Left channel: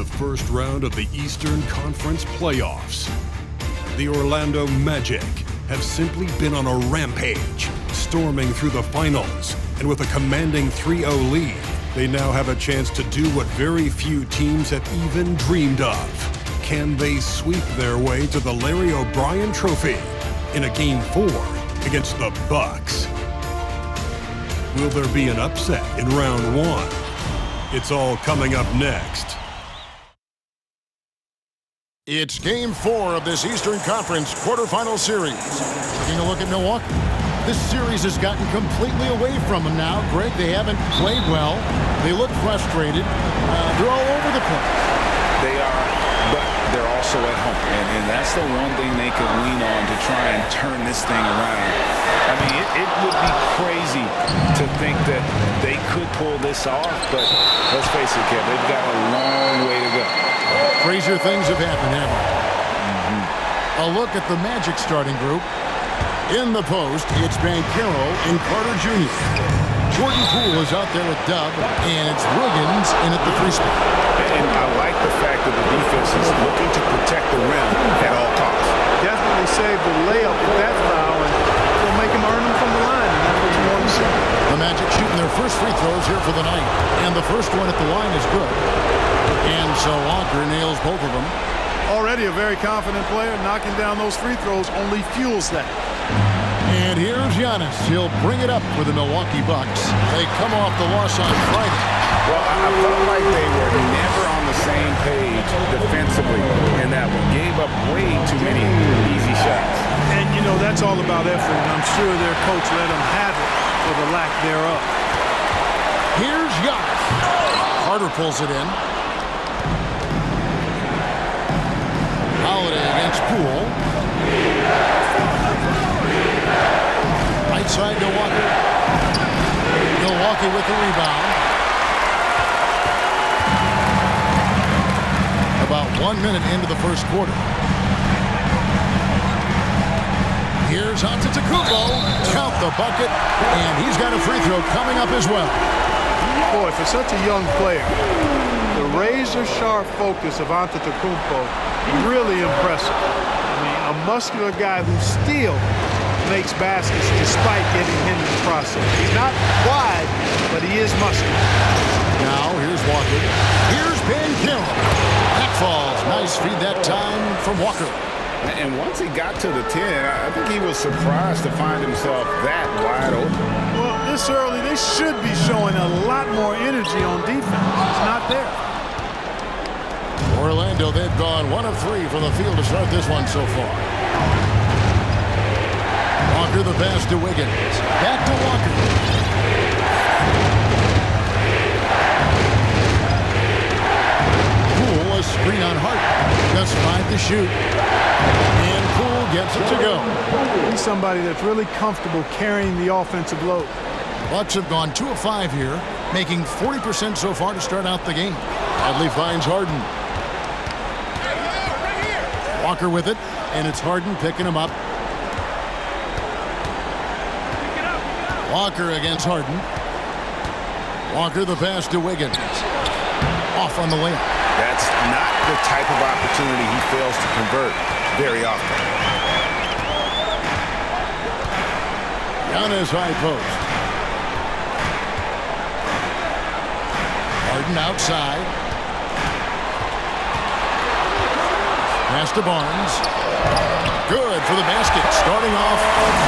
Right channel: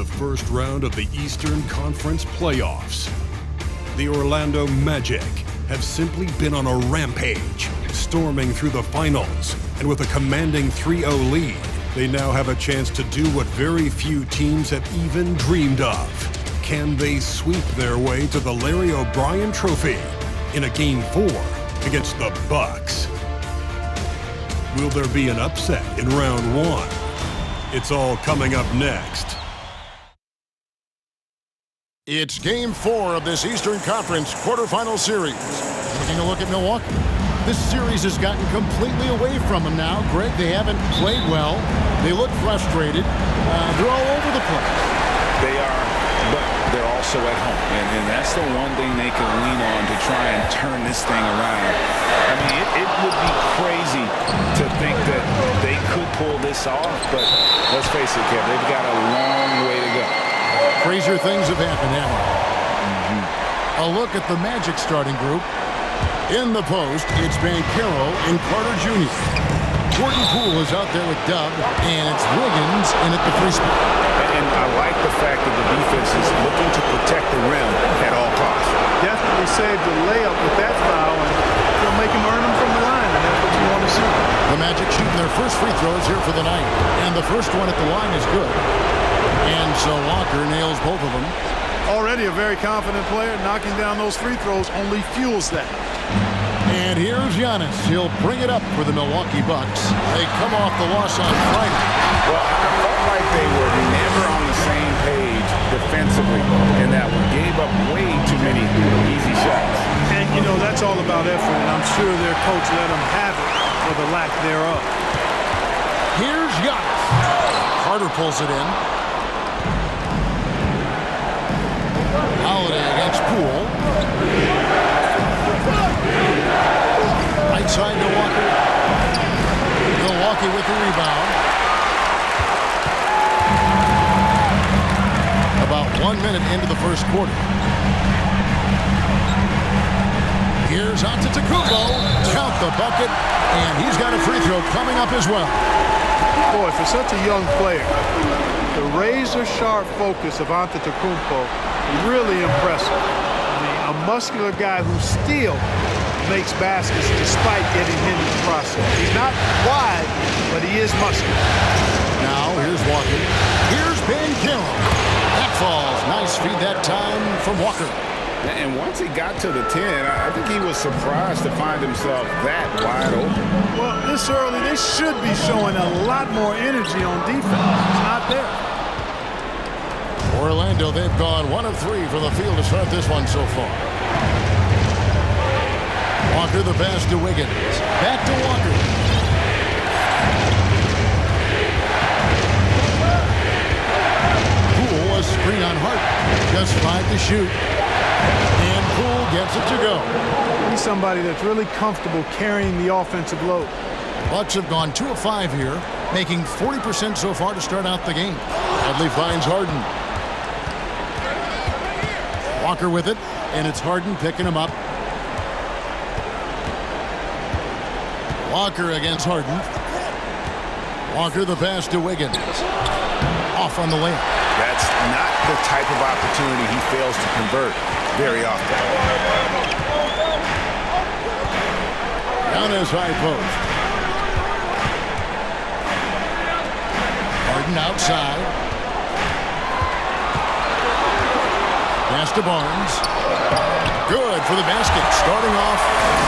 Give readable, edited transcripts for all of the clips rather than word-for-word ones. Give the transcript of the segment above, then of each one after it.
the first round of the Eastern Conference playoffs. The Orlando Magic have simply been on a rampage, storming through the finals, and with a commanding 3-0 lead, they now have a chance to do what very few teams have even dreamed of. Can they sweep their way to the Larry O'Brien Trophy in a Game 4 against the Bucks? Will there be an upset in round 1? It's all coming up next. It's Game 4 of this Eastern Conference quarterfinal series. Taking a look at Milwaukee. This series has gotten completely away from them now. Greg, they haven't played well. They look frustrated. They're all over the place. They are, but they're also at home. And that's the one thing they can lean on to try and turn this thing around. I mean, it would be crazy to think that they could pull this off, but let's face it, Kev, they've got a long way to go. Crazier things have happened, haven't they? A look at the Magic starting group. In the post, it's Banchero and Carter Jr. Jordan Poole is out there with Dub, and it's Wiggins in at the free spot. And I like the fact that the defense is looking to protect the rim at all costs. Definitely saved the layup with that foul, and you'll make him earn them from the line, and that's what you want to see. The Magic shooting their first free throws here for the night, and the first one at the line is good. And so Walker nails both of them. Already a very confident player. Knocking down those free throws only fuels that. And here's Giannis. He'll bring it up for the Milwaukee Bucks. They come off the loss on Friday. Well, I felt like they were never on the same page defensively in that one. Gave up way too many easy shots. And, you know, that's all about effort, and I'm sure their coach let them have it for the lack thereof. Here's Giannis. Carter pulls it in. Holiday against Poole. Right side to Walker. Milwaukee with the rebound. About 1 minute into the first quarter. Here's Antetokounmpo. Count the bucket. And he's got a free throw coming up as well. Boy, for such a young player, the razor-sharp focus of Antetokounmpo, really impressive. I mean, a muscular guy who still makes baskets despite getting hit in the process. He's not wide, but he is muscular. Now, here's Walker. Here's Banchero. That falls. Nice feed that time from Walker. And once he got to the 10, I think he was surprised to find himself that wide open. Well, this early, they should be showing a lot more energy on defense. It's not there. Orlando, they've gone 1 of 3 from the field to start this one so far. Walker the pass to Wiggins. Back to Walker. Poole a screen on Hart. Just 5 to shoot. And Poole gets it to go. He's somebody that's really comfortable carrying the offensive load. Bucks have gone 2 of 5 here, making 40% so far to start out the game. Bradley finds Harden. Walker with it, and it's Harden picking him up. Walker against Harden. Walker the pass to Wiggins. Off on the layup. That's not the type of opportunity he fails to convert very often. Giannis high post. Harden outside. Pass to Barnes. Good for the basket. Starting off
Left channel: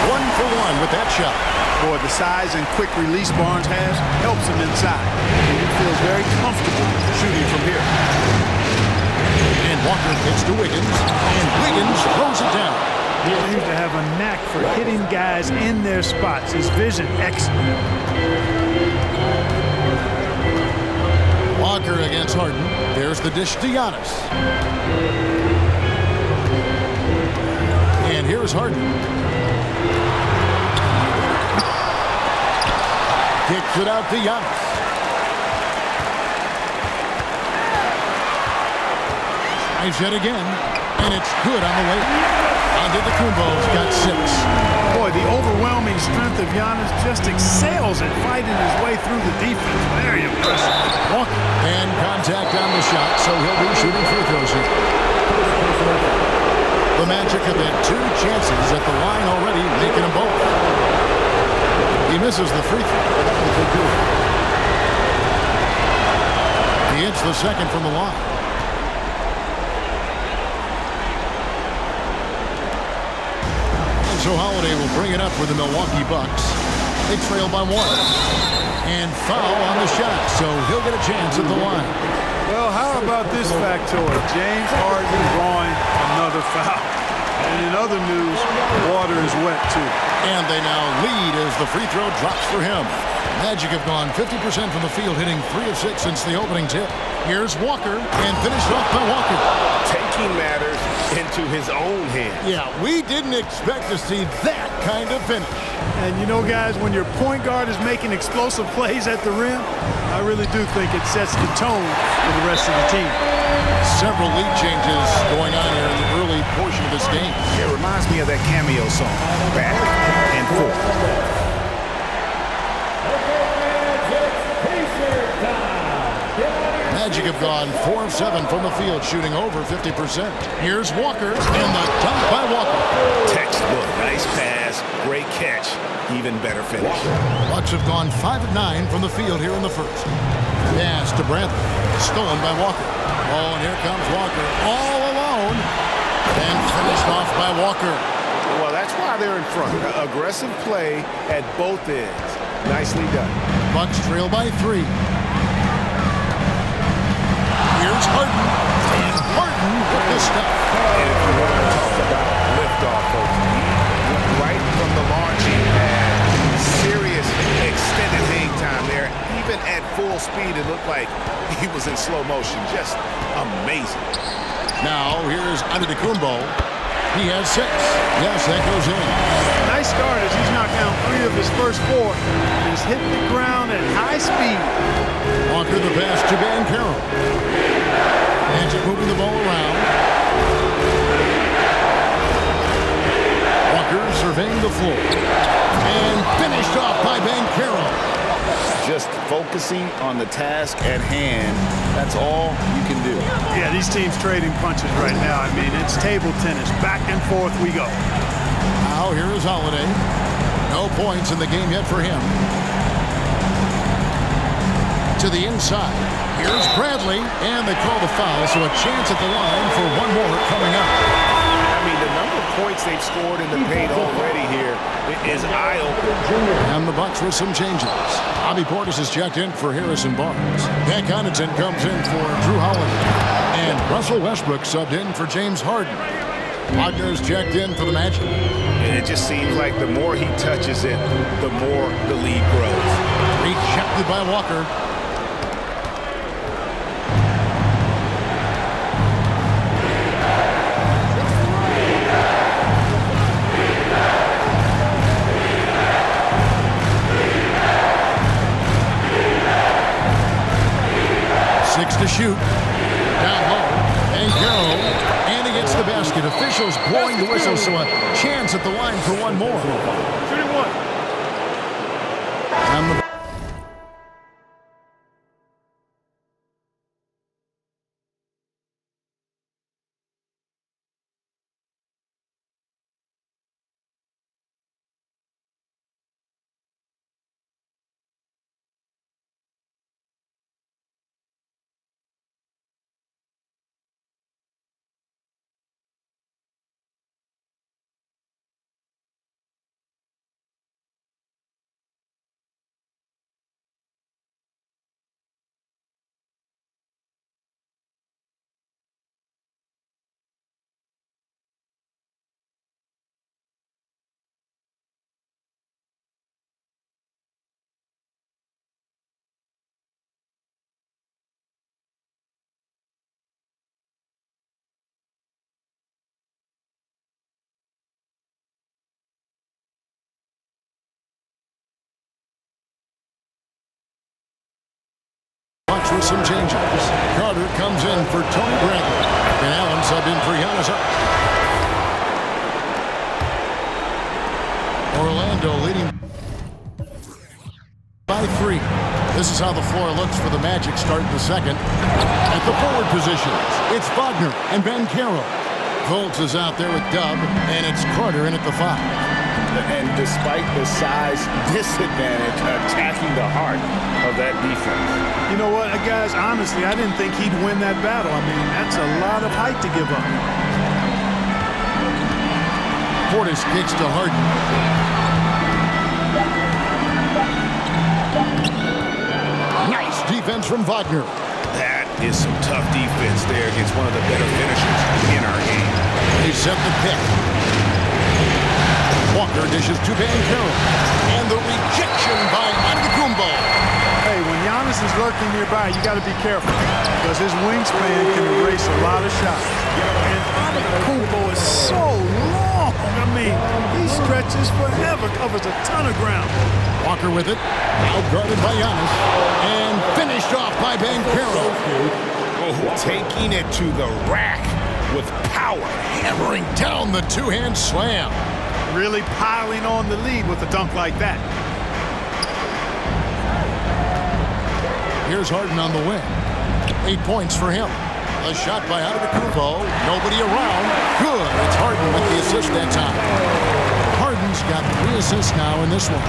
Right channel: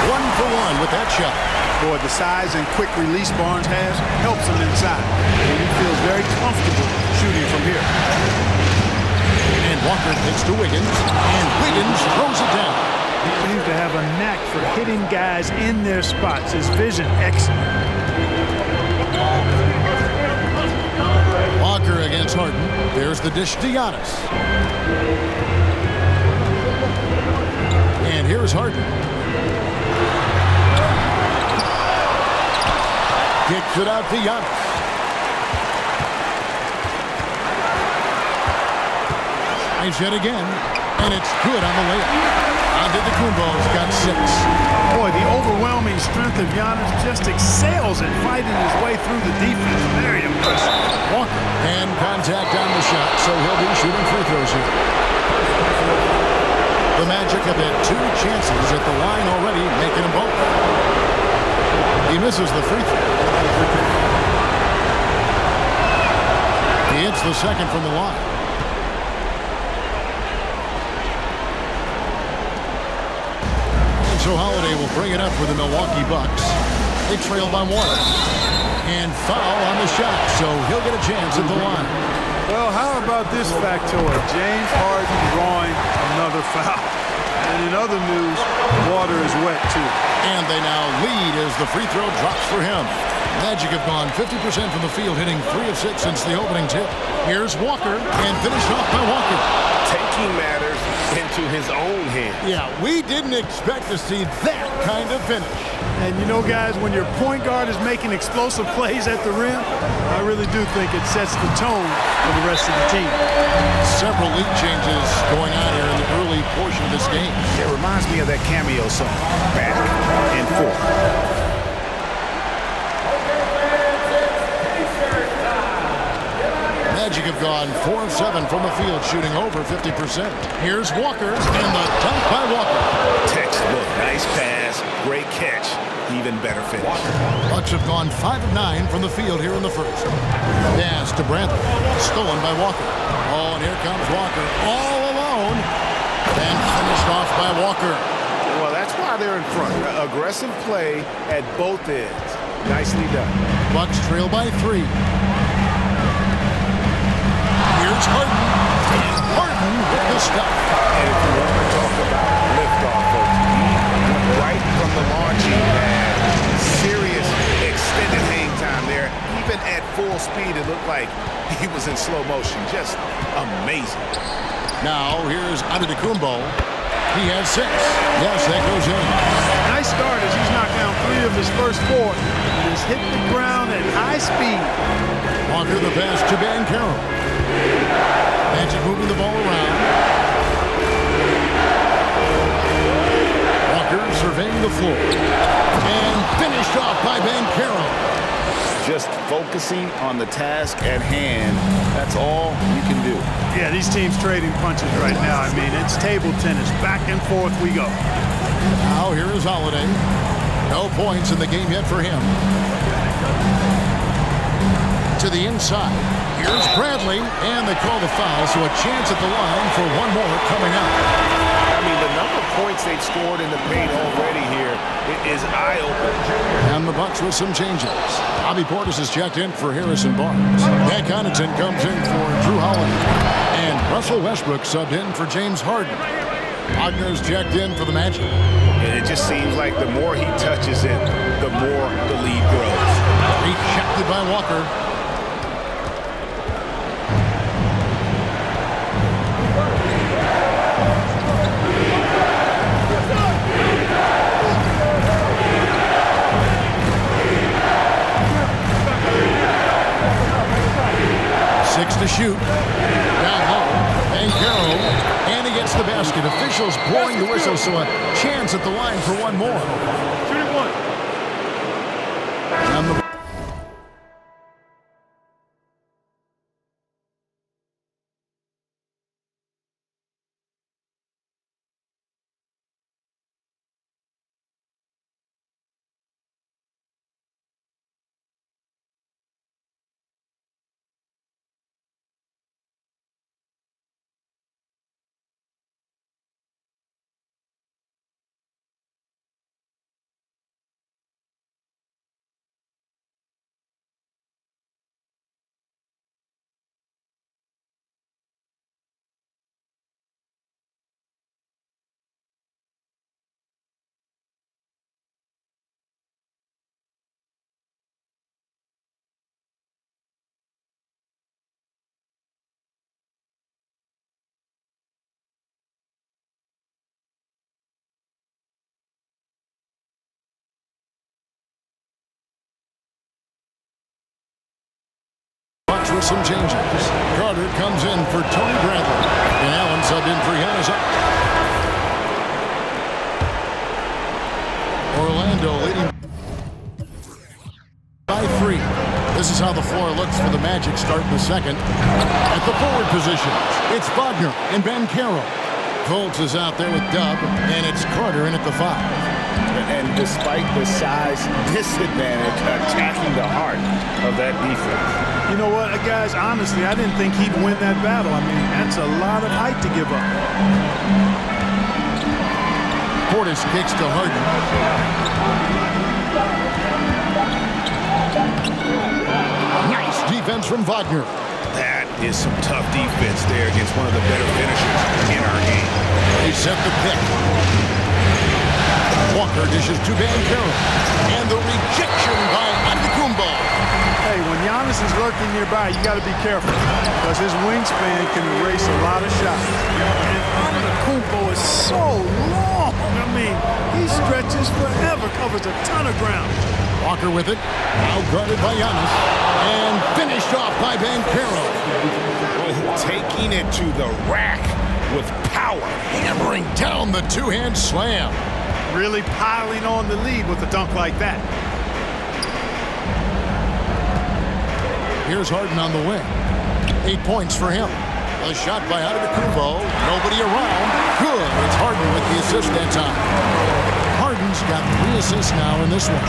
1 for 1 with that shot. Boy, the size and quick release Barnes has helps him inside. And he feels very comfortable shooting from here. And Walker pitches to Wiggins. And Wiggins throws it down. He seems to have a knack for hitting guys in their spots. His vision, excellent. Walker against Harden. There's the dish to Giannis. And here's Harden. Kicks it out to Giannis. Tries yet again, and it's good on the layup. Antetokounmpo's got 6. Boy, the overwhelming strength of Giannis just excels at fighting his way through the defense. Very impressive. Walker. And contact on the shot, so he'll be shooting free throws here. The Magic have had 2 chances at the line already, making them both. He misses the free throw. He hits the second from the line. And so Holiday will bring it up for the Milwaukee Bucks. They trail by 1. And foul on the shot, so he'll get a chance at the line. Well, how about this factoid? James Harden drawing another foul. And in other news, water is wet too. And they now lead as the free throw drops for him. Magic have gone 50% from the field, hitting 3 of 6 since the opening tip. Here's Walker, and finished off by Walker. Taking matters into his own hands. Yeah, we didn't expect to see that kind of finish. And you know, guys, when your point guard is making explosive plays at the rim, I really do think it sets the tone for the rest of the team. Several lead changes going on here in the early portion of this game. It reminds me of that cameo song, Back and Forth. Magic have gone 4 of 7 from the field, shooting over 50%. Here's Walker, and the dunk by Walker. Textbook, nice pass, great catch, even better finish. Bucks have gone 5 of 9 from the field here in the first. Pass to Bradley, stolen by Walker. Oh, and here comes Walker, all alone, and finished off by Walker. Well, that's why they're in front. Aggressive play at both ends. Nicely done. Bucks trail by 3. Here's Harden, and Harden with the stuff. And if you want to talk about liftoff, folks, he went right from the launching pad. Serious extended hang time there. Even at full speed, it looked like he was in slow motion. Just amazing. Now here's Antetokounmpo. He has 6. Yes, that goes in. Nice start as he's knocked down 3 of his first 4 and has hit the ground at high speed. Walker the pass to Banchero. Magic moving the ball around. Walker surveying the floor. And finished off by Banchero. Just focusing on the task at hand. That's all you can do. Yeah, these teams trading punches right now. I mean, it's table tennis. Back and forth we go. Now here is Holiday. No points in the game yet for him. To the inside. Here's Bradley, and they call the foul, so a chance at the line for one more coming up. I mean, the number of points they've scored in the paint already here is eye-opening. And the Bucks with some changes. Bobby Portis is checked in for Harrison Barnes. Pat Connaughton comes in for Drew Holiday. And Russell Westbrook subbed in for James Harden. Wagner's checked in for the Magic. And it just seems like the more he touches it, the more the lead grows. Rejected by Walker. Six to shoot. Down low. Banchero. And he gets the basket. Officials blowing the whistle, so a chance at the line for one more. Shooting 1. And the Bucks with some changes. Carter comes in for Tony Bradley. And Allen subbed in for Giannis. Orlando leading by 3. This is how the floor looks for the Magic starting the second. At the forward positions, it's Wagner and Banchero. Fultz is out there with Dub, and it's Carter in at the 5. And despite the size disadvantage, attacking the heart of that defense. You know what, guys, honestly, I didn't think he'd win that battle. I mean, that's a lot of height to give up. Portis kicks to Harden. Nice defense from Wagner. That is some tough defense there against one of the better finishers in our game. They set the pick. Walker dishes to Banchero. And the rejection by Antetokounmpo. Hey, when Giannis is lurking nearby, you got to be careful because his wingspan can erase a lot of shots. And Antetokounmpo is so long. I mean, he stretches forever, covers a ton of ground. Walker with it, out guarded by Giannis, and finished off by Banchero. Oh, taking it to the rack with power. Hammering down the two-hand slam. Really piling on the lead with a dunk like that. Here's Harden on the wing. 8 points for him. A shot by Antetokounmpo. Nobody around. Good. It's Harden with the assist that time. Harden's got 3 assists now in this one.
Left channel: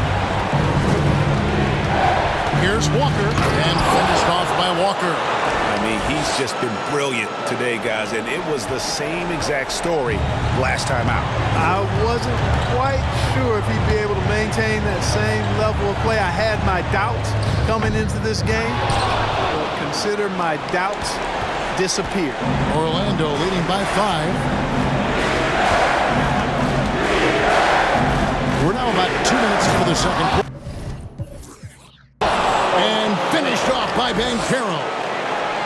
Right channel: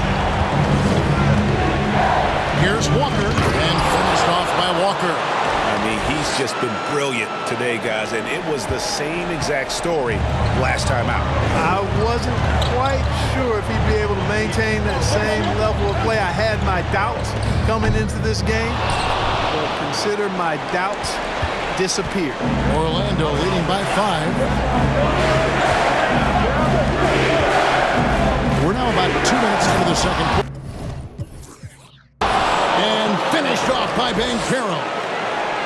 Here's Walker, and finished off by Walker. I mean, he's just been brilliant today, guys, and it was the same exact story last time out. I wasn't quite sure if he'd be able to maintain that same level of play. I had my doubts coming into this game, but consider my doubts disappeared. Orlando leading by 5. We're now about 2 minutes into the second quarter. And finished off by Banchero.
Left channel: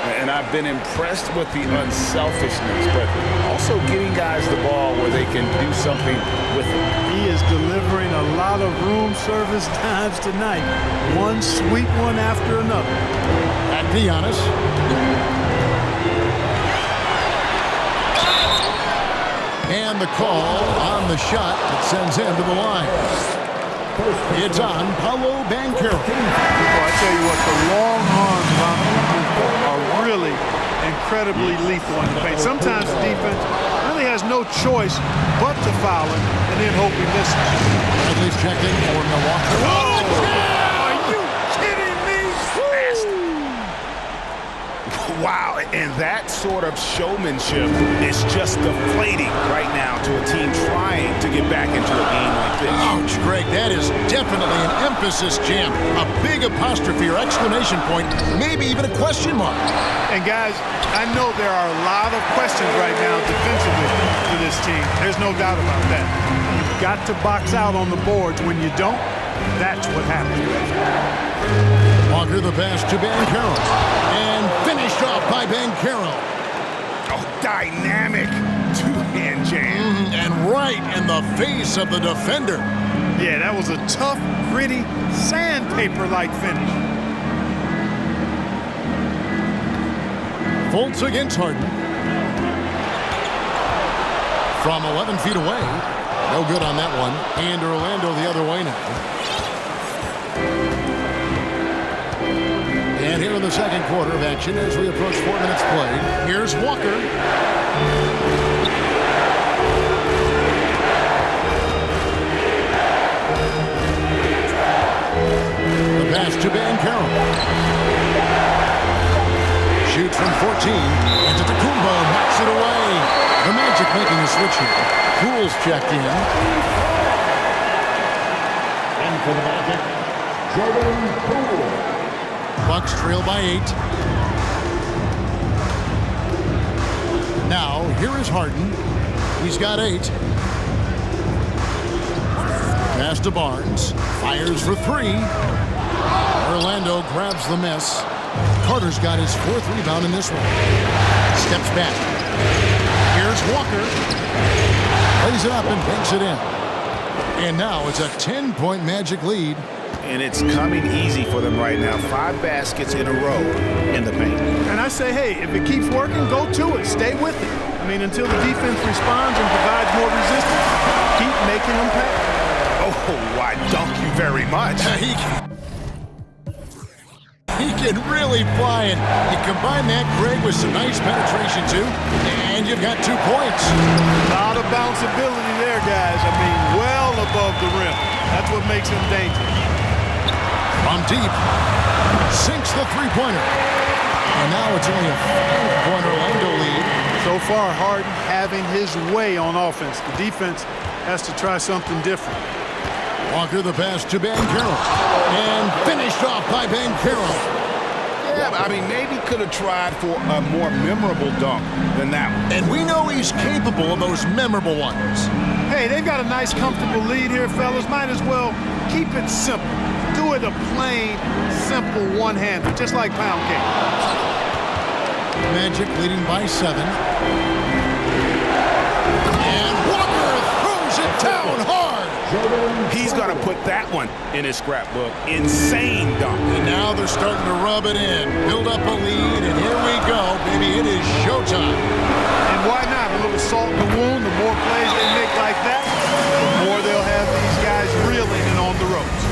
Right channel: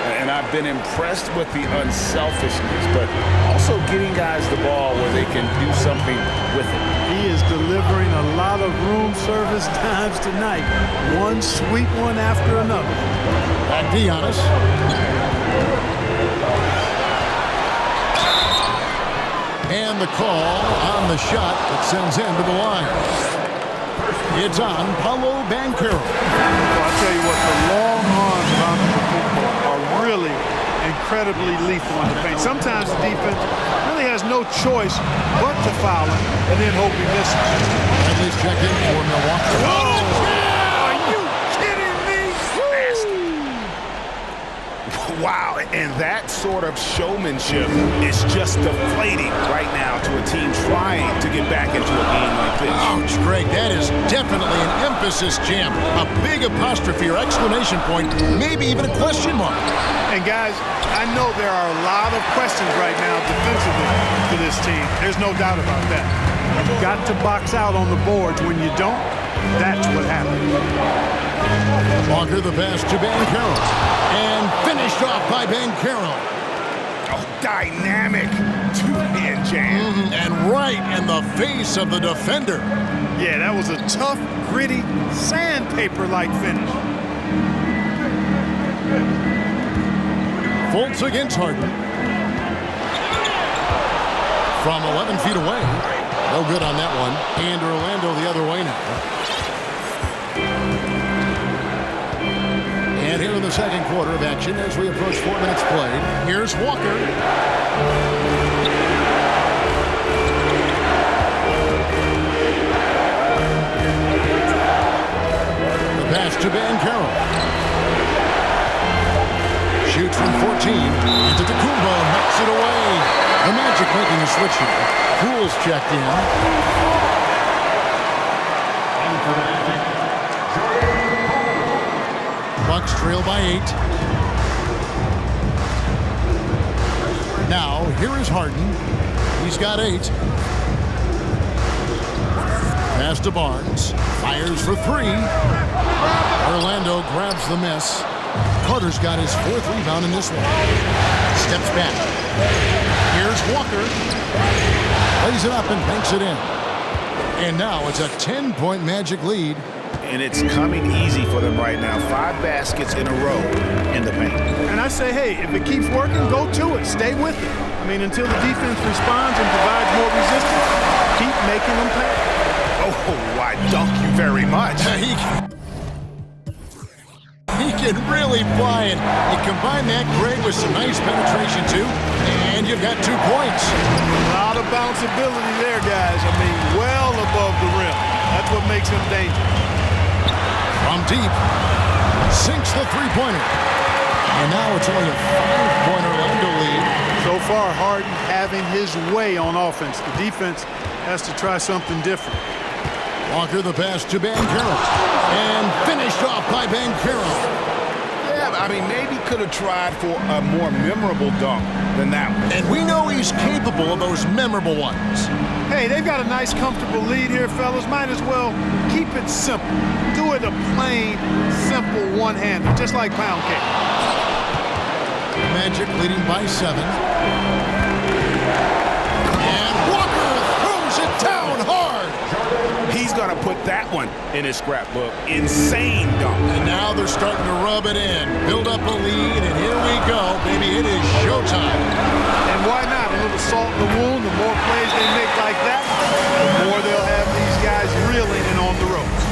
And I've been impressed with the unselfishness, but also getting guys the ball where they can do something with it. He is delivering a lot of room service dimes tonight. One sweet one after another. Back to Giannis. And the call on the shot that sends him to the line. It's on Paolo Banchero. Well, I tell you what, the long arms of Antetokounmpo are really incredibly lethal in the paint. Sometimes the defense really has no choice but to foul him and then hope he misses. Bradley's checked in for Milwaukee. Are you kidding me? Wow, and that sort of showmanship is just deflating right now to a team trying to get back into a game like this. Ouch, Greg, that is definitely an emphasis jam. A big apostrophe or exclamation point, maybe even a question mark. And guys, I know there are a lot of questions right now defensively for this team. There's no doubt about that. You've got to box out on the boards. When you don't, that's what happens. Walker the pass to Banchero. And finished off by Banchero. Oh, dynamic two-hand jam. And right in the face of the defender. Yeah, that was a tough, gritty, sandpaper-like finish. Fultz against Harden. From 11 feet away. No good on that one. And Orlando the other way now. And here in the second quarter of action as we approach 4 minutes played. Here's Walker. The pass to Banchero. Shoots from 14. Antetokounmpo knocks it away. The Magic making a switch here. Poole's checked in. And for the Magic, Jordan Poole. Bucks trail by 8. Now, here is Harden. He's got 8. Pass to Barnes. Fires for 3. Orlando grabs the miss. Carter's got his 4th rebound in this one. Steps back. Here's Walker. Plays it up and banks it in. And now it's a 10-point Magic lead. And it's coming easy for them right now. 5 baskets in a row in the paint. And I say, hey, if it keeps working, go to it. Stay with it. I mean, until the defense responds and provides more resistance, keep making them pay. Oh, I dunk you very much. He can really fly, and you combine that, Greg, with some nice penetration, too, and you've got 2 points. A lot of bounceability there, guys. I mean, well above the rim. That's what makes him dangerous. From deep, sinks the three-pointer. And now it's only a 5-point Orlando lead. So far, Harden having his way on offense. The defense has to try something different. Walker the pass to Banchero. And finished off by Banchero. Yeah, I mean, maybe could have tried for a more memorable dunk than that one. And we know he's capable of those memorable ones. Hey, they've got a nice, comfortable lead here, fellas. Might as well keep it simple. Do it a plain, simple one-hander, just like pound cake. Magic leading by 7. And Walker throws it down hard. He's going to put that one in his scrapbook. Insane dunk. And now they're starting to rub it in. Build up a lead, and here we go, baby. It is showtime. And why not? A little salt in the wound. The more plays they make like that, the more they'll have these guys reeling and on the ropes.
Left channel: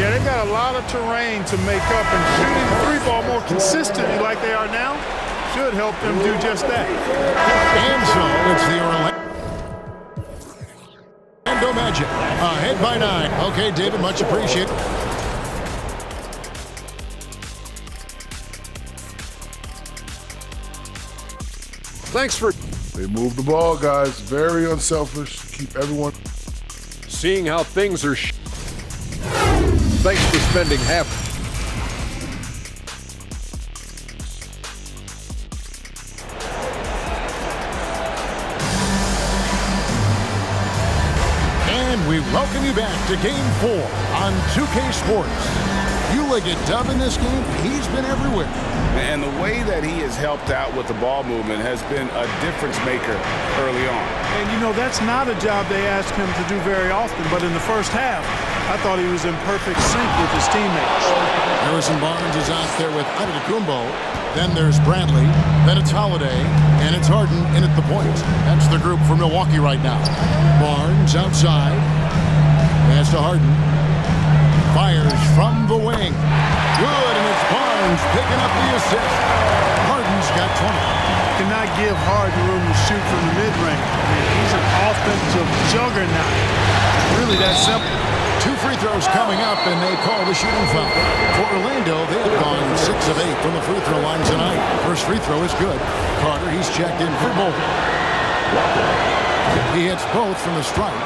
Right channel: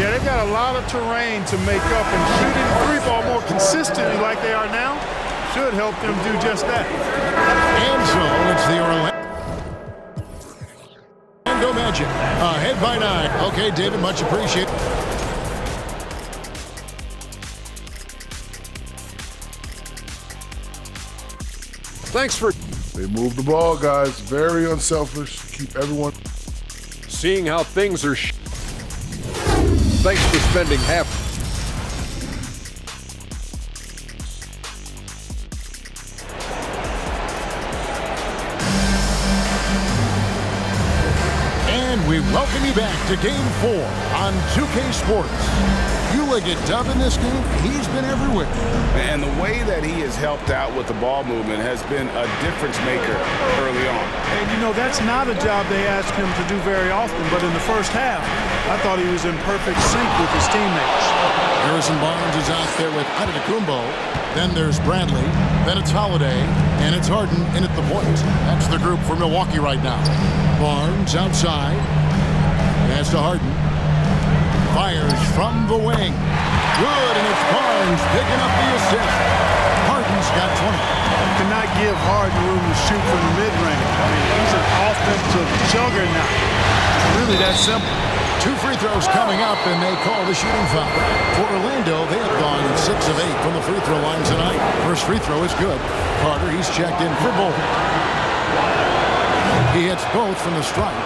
Yeah, they've got a lot of terrain to make up, and shooting the three ball more consistently like they are now should help them do just that. And so it's the Orlando Magic ahead by 9. Okay, David, much appreciated. Thanks for They move the ball, guys. Very unselfish. Keep everyone. seeing how things are. Thanks for spending half. And we welcome you back to Game 4 on 2K Sports. Ulick dub in this game, he's been everywhere. And the way that he has helped out with the ball movement has been a difference maker early on. And, you know, that's not a job they ask him to do very often, but in the first half, I thought he was in perfect sync with his teammates. Harrison Barnes is out there with Antetokounmpo. Then there's Bradley. Then it's Holiday. And it's Harden in at the point. That's the group for Milwaukee right now. Barnes outside. Pass to Harden. Fires from the wing. Good, and it's Barnes picking up the assist. Harden's got 20. Cannot give Harden room to shoot from the mid-range. I mean, he's an offensive juggernaut. It's really that simple. 2 free throws coming up, and they call the shooting foul. For Orlando, they have gone 6 of 8 from the free throw line tonight. First free throw is good. Carter, he's checked in for both. He hits both from the stripe.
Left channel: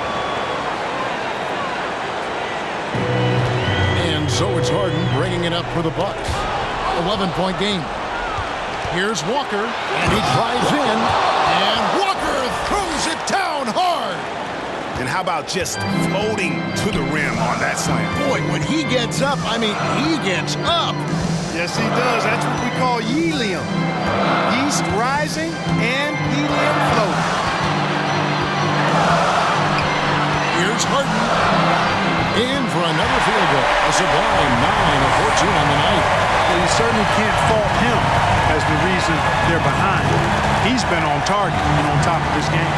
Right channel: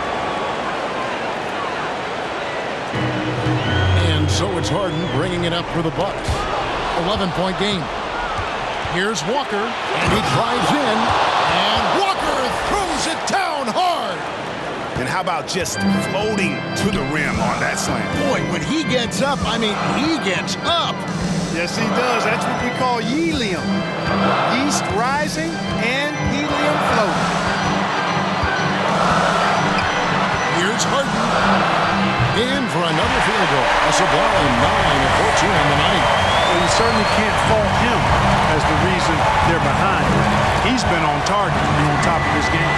And so it's Harden bringing it up for the Bucks. 11-point game. Here's Walker, and he drives in, and Walker throws it down hard. And how about just floating to the rim on that slam? Boy, when he gets up, I mean, he gets up. Yes, he does. That's what we call helium. Yeast rising and helium floating. Here's Harden. In for another field goal. A sublime 9 of 14 on the night. Well, you certainly can't fault him as the reason they're behind. He's been on target and on top of this game.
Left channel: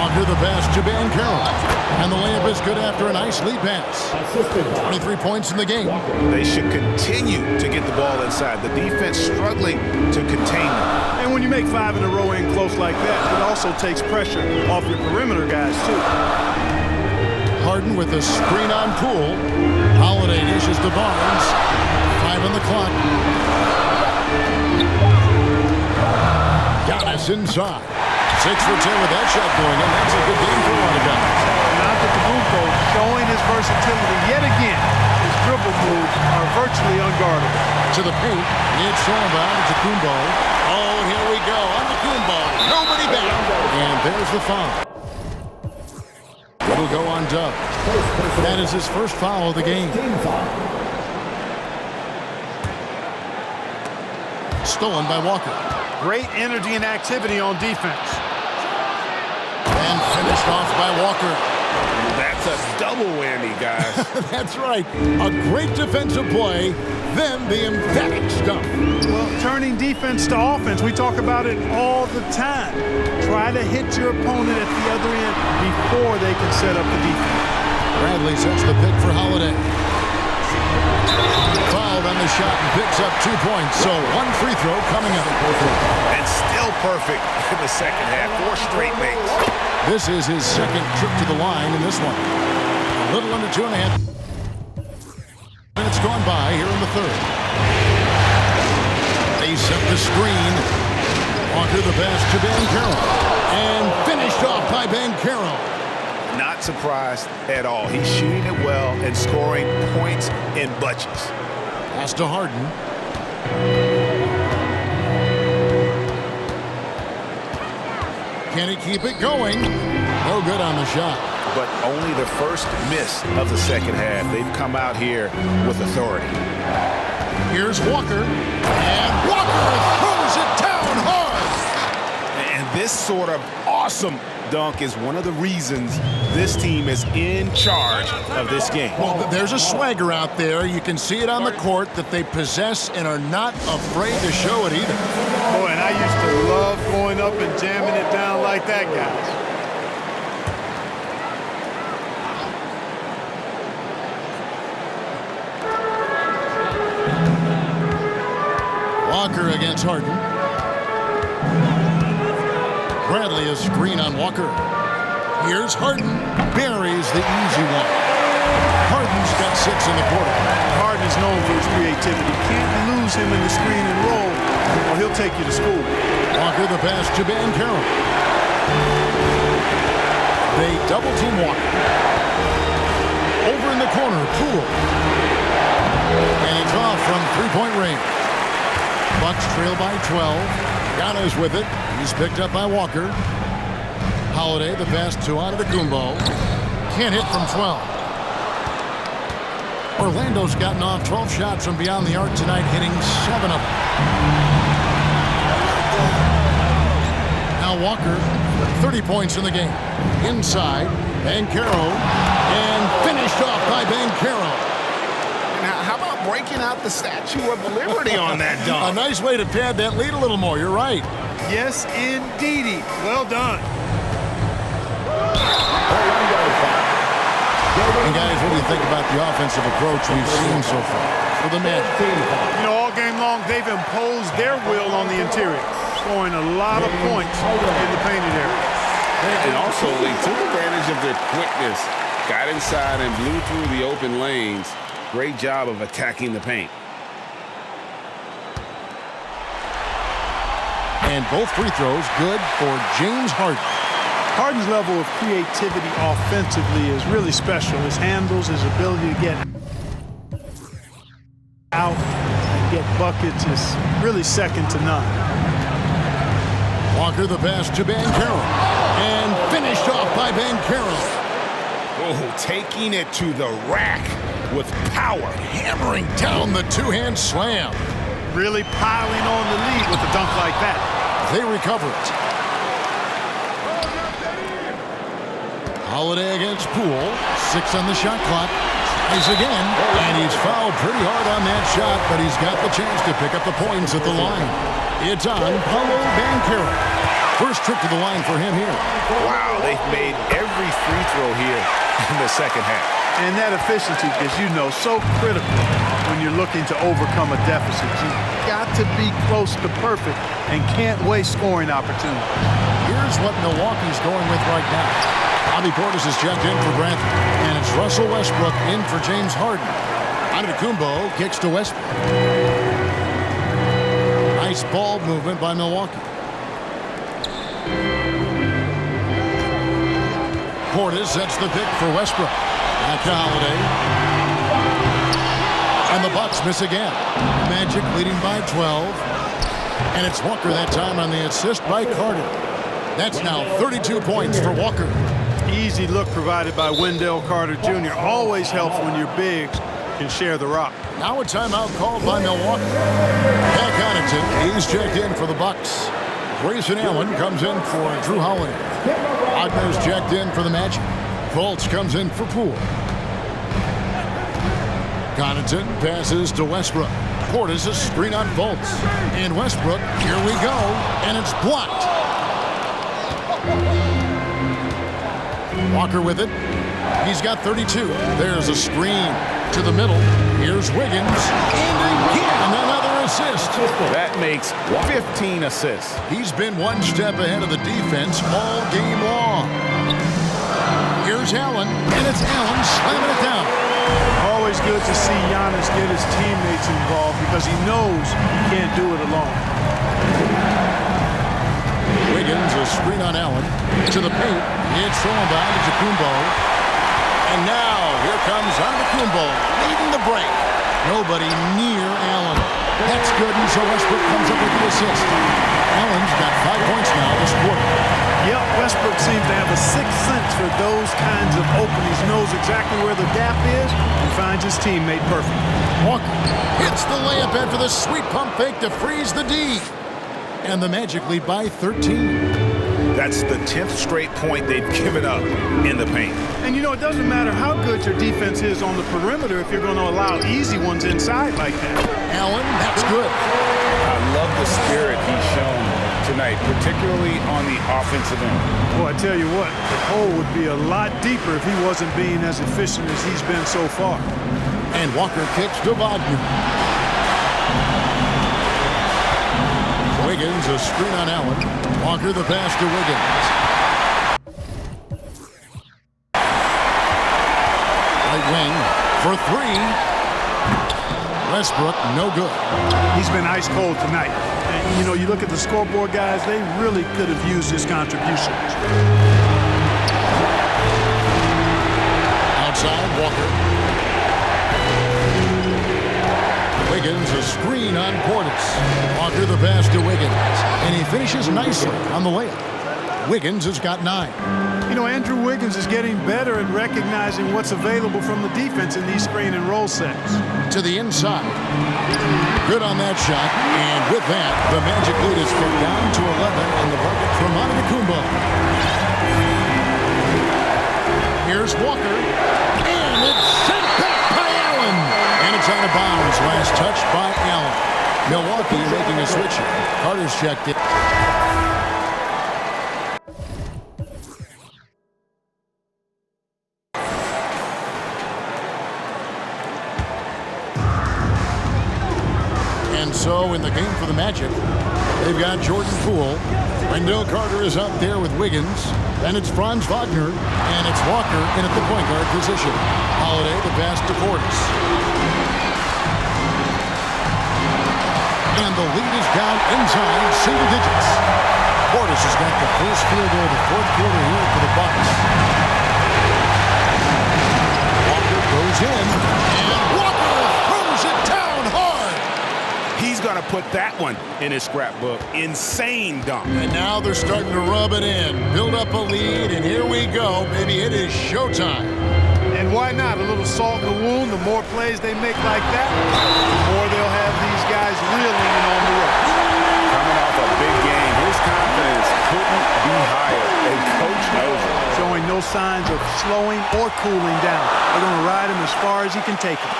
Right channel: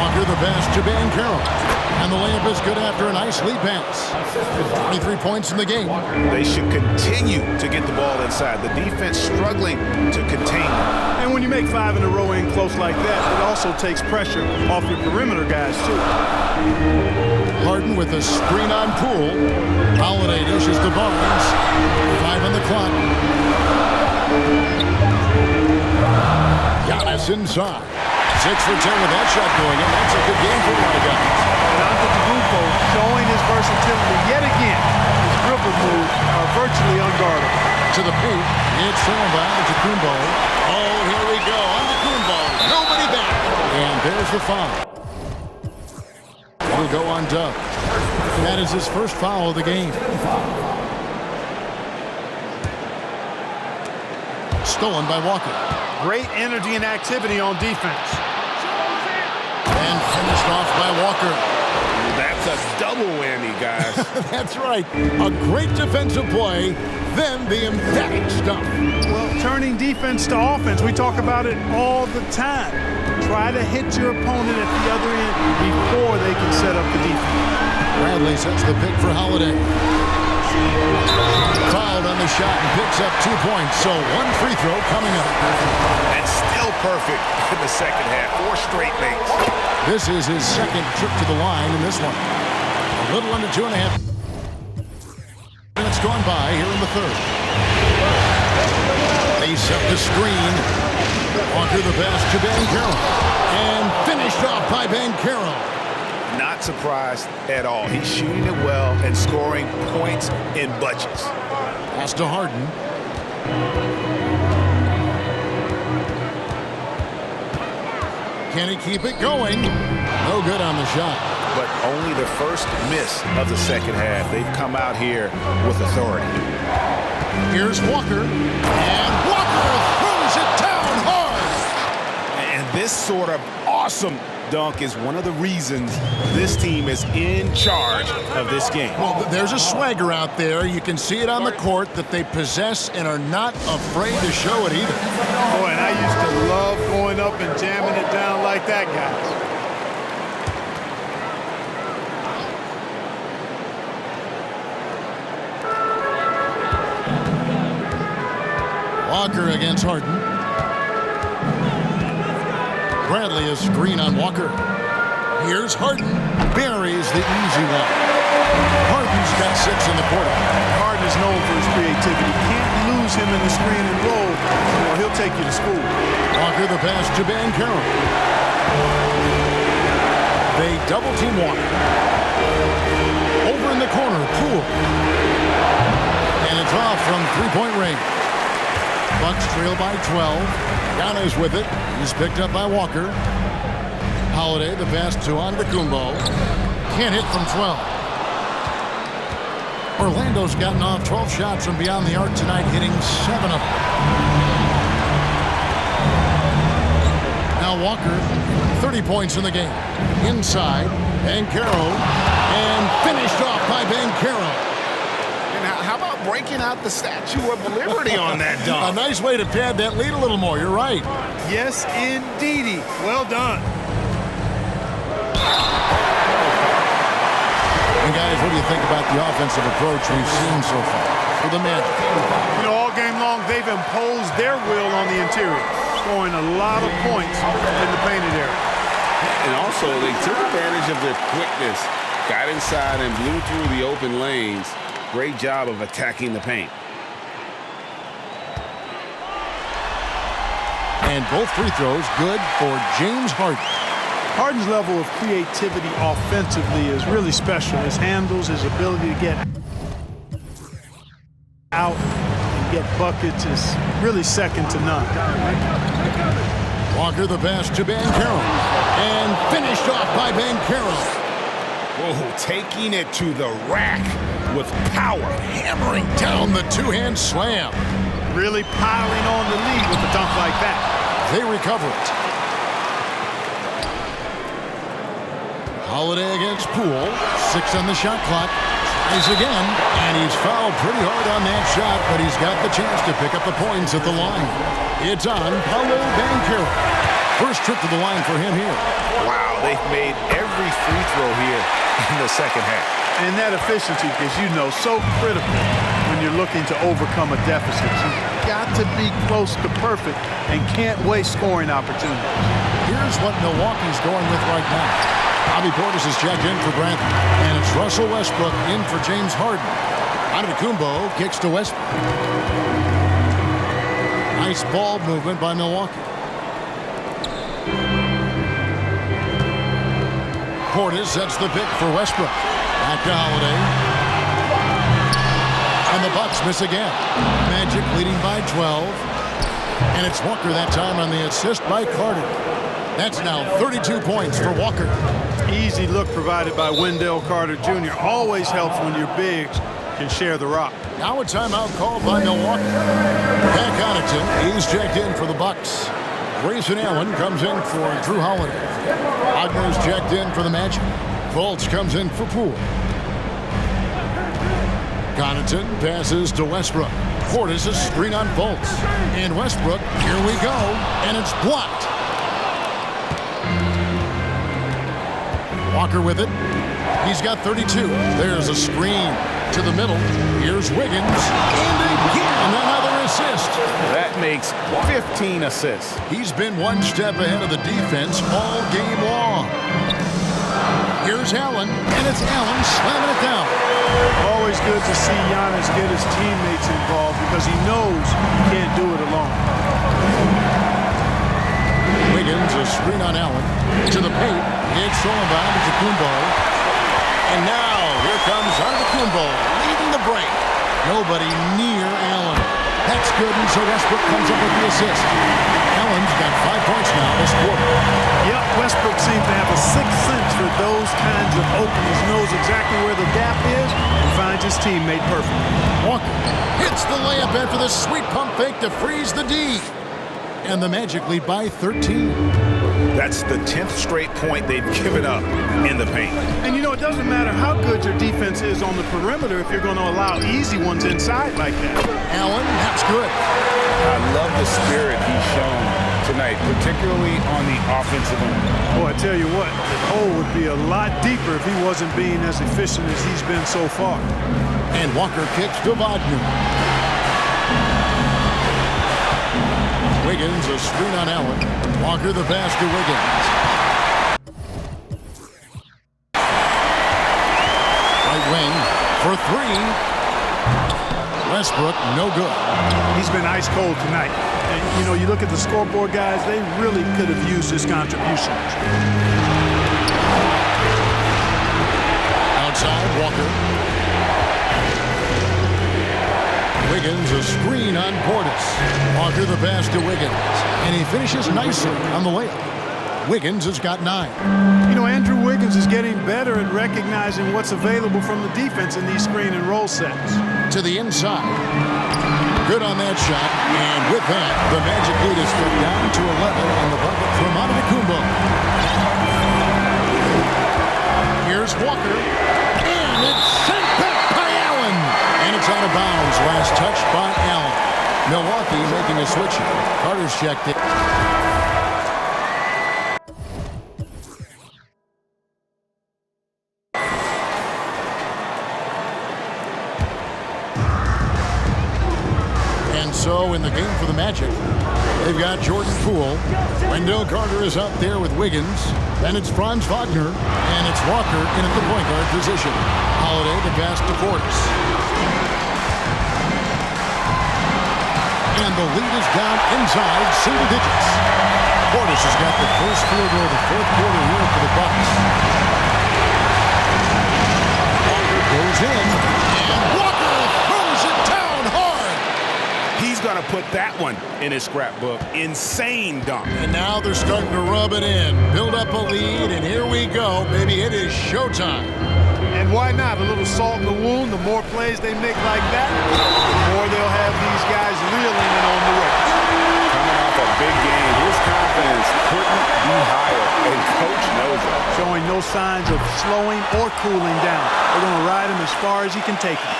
Walker the pass to Banchero. And the layup is good after a nice lead pass. 23 points in the game. They should continue to get the ball inside. The defense struggling to contain them. And when you make 5 in a row in close like that, it also takes pressure off your perimeter guys, too. Harden with a screen on Poole. Holiday dishes to Barnes. 5 on the clock. Giannis inside. 6 for 10 with that shot going in. That's a good game for a lot of guys. And Antetokounmpo showing his versatility yet again. His dribble moves are virtually unguardable. To the paint. It's stolen by Antetokounmpo. Oh, here we go. Antetokounmpo. Nobody back. And there's the foul. It'll go on Dub. That is his first foul of the game. Stolen by Walker. Great energy and activity on defense. And finished off by Walker. That's a double whammy, guys. That's right. A great defensive play, then the emphatic stuff. Well, turning defense to offense, we talk about it all the time. Try to hit your opponent at the other end before they can set up the defense. Bradley sets the pick for Holiday. Fouled on the shot and picks up 2 points. So one free throw coming up. And still perfect in the second half. 4 straight makes. This is his second trip to the line in this one. A little under 2.5 minutes gone by here in the third. They set the screen. Walker the pass to Banchero. And finished off by Banchero. Not surprised at all. He's shooting it well and scoring points in bunches. Pass to Harden. Can he keep it going? No good on the shot. But only the first miss of the second half. They've come out here with authority. Here's Walker. And Walker throws it down hard. And this sort of awesome dunk is one of the reasons this team is in charge of this game. Well, there's a swagger out there. You can see it on the court that they possess and are not afraid to show it either. Boy, and I used to love going up and jamming it down like that, guys. Walker against Harden. Bradley is screen on Walker. Here's Harden. Buries the easy one. Harden's got 6 in the quarter. Harden is known for his creativity. Can't lose him in the screen and roll, or he'll take you to school. Walker the pass to Banchero. They double team Walker. Over in the corner, Poole. And it's off from 3-point range. Bucks trail by 12. Giannis with it. He's picked up by Walker. Holiday, the pass to Antetokounmpo. Can't hit from 12. Orlando's gotten off 12 shots from beyond the arc tonight, hitting 7 of them. Now Walker, 30 points in the game. Inside, Banchero, and finished off by Banchero. And how about breaking out the Statue of Liberty on that dunk? A nice way to pad that lead a little more. You're right. Yes, indeedy. Well done. And guys, what do you think about the offensive approach we've seen so far for the Magic? You know, all game long, they've imposed their will on the interior, scoring a lot of points in the painted area. And also, they took advantage of their quickness, got inside and blew through the open lanes. Great job of attacking the paint. And both free throws good for James Harden. Harden's level of creativity offensively is really special. His handles, his ability to get out and get buckets is really second to none. Walker the pass to Banchero. And finished off by Banchero. Oh, taking it to the rack with power. Hammering down the two-hand slam. Really piling on the lead with a dunk like that. They recover it. Holiday against Poole. 6 on the shot clock. Tries again, and he's fouled pretty hard on that shot, but he's got the chance to pick up the points at the line. It's on Paolo Banchero. First trip to the line for him here. Wow, they've made every free throw here in the second half. And that efficiency, as you know, so critical when you're looking to overcome a deficit. You've got to be close to perfect and can't waste scoring opportunities. Here's what Milwaukee's going with right now. Bobby Portis is checked in for Brantley, and it's Russell Westbrook in for James Harden. Antetokounmpo kicks to Westbrook. Nice ball movement by Milwaukee. Portis sets the pick for Westbrook. Back to Holiday. And the Bucks miss again. Magic leading by 12. And it's Walker that time on the assist by Carter. That's now 32 points for Walker. Easy look provided by Wendell Carter Jr. Always helps when your bigs can share the rock. Now a timeout called by Milwaukee. Pat Connaughton, he's checked in for the Bucks. Grayson Allen comes in for Drew Holiday. Wagner's checked in for the Magic. Fultz comes in for Poole. Connaughton passes to Westbrook. Portis a screen on Fultz. And Westbrook, here we go, and it's blocked. Walker with it. He's got 32. There's a screen to the middle. Here's Wiggins. And again, another assist. That makes 15 assists. He's been one step ahead of the defense all game long. Here's Allen, and it's Allen slamming it down. Always good to see Giannis get his teammates involved because he knows he can't do it alone. Wiggins, a screen on Allen. To the paint. It's thrown by Antetokounmpo. And now, here comes Antetokounmpo, leading the break. Nobody near Allen. That's good, and so Westbrook comes up with the assist. Allen's got 5 points now this quarter. Yep, Westbrook seems to have a sixth sense for those kinds of openings, knows exactly where the gap is, and finds his teammate perfect. Walker hits the layup after the sweet pump fake to freeze the D. And the Magic lead by 13. That's the 10th straight point they've given up in the paint. And you know, it doesn't matter how good your defense is on the perimeter if you're going to allow easy ones inside like that. Allen, that's good. I love the spirit he's shown tonight, particularly on the offensive end. Boy, I tell you what, the hole would be a lot deeper if he wasn't being as efficient as he's been so far. And Walker kicks to Wagner. Wiggins, a screen on Allen. Walker the pass to Wiggins. Right wing for three. Westbrook, no good. He's been ice cold tonight. And, you know, you look at the scoreboard, guys, they really could have used his contributions. Outside, Walker. Wiggins, a screen on Portis. Walker the pass to Wiggins. And he finishes nicely on the layup. Wiggins has got 9. You know, Andrew Wiggins is getting better at recognizing what's available from the defense in these screen and roll sets. To the inside. Good on that shot. And with that, the Magic lead is cut down to 11 on the bucket from Antetokounmpo. Here's Walker. And it's sent back by Allen. And it's out of bounds. Last touch by Allen. Milwaukee making a switch here. Carter's checked it. And so in the game for the Magic, they've got Jordan Poole. Wendell Carter is out there with Wiggins. Then it's Franz Wagner. And it's Walker in at the point guard position. Holiday the pass to Portis. And the lead is down inside single digits. Portis has got the first field goal of the fourth quarter here for the Bucks. Walker goes in, and Walker throws it down hard. He's going to put that one in his scrapbook. Insane dunk. And now they're starting to rub it in, build up a lead, and here we go, baby. It is showtime. And why not? A little salt in the wound. The more plays they make like that, the more they'll have these guys reeling and on the ropes. Coming off a big game, his confidence couldn't be higher, and Coach knows it. Showing no signs of slowing or cooling down. They're going to ride him as far as he can take him.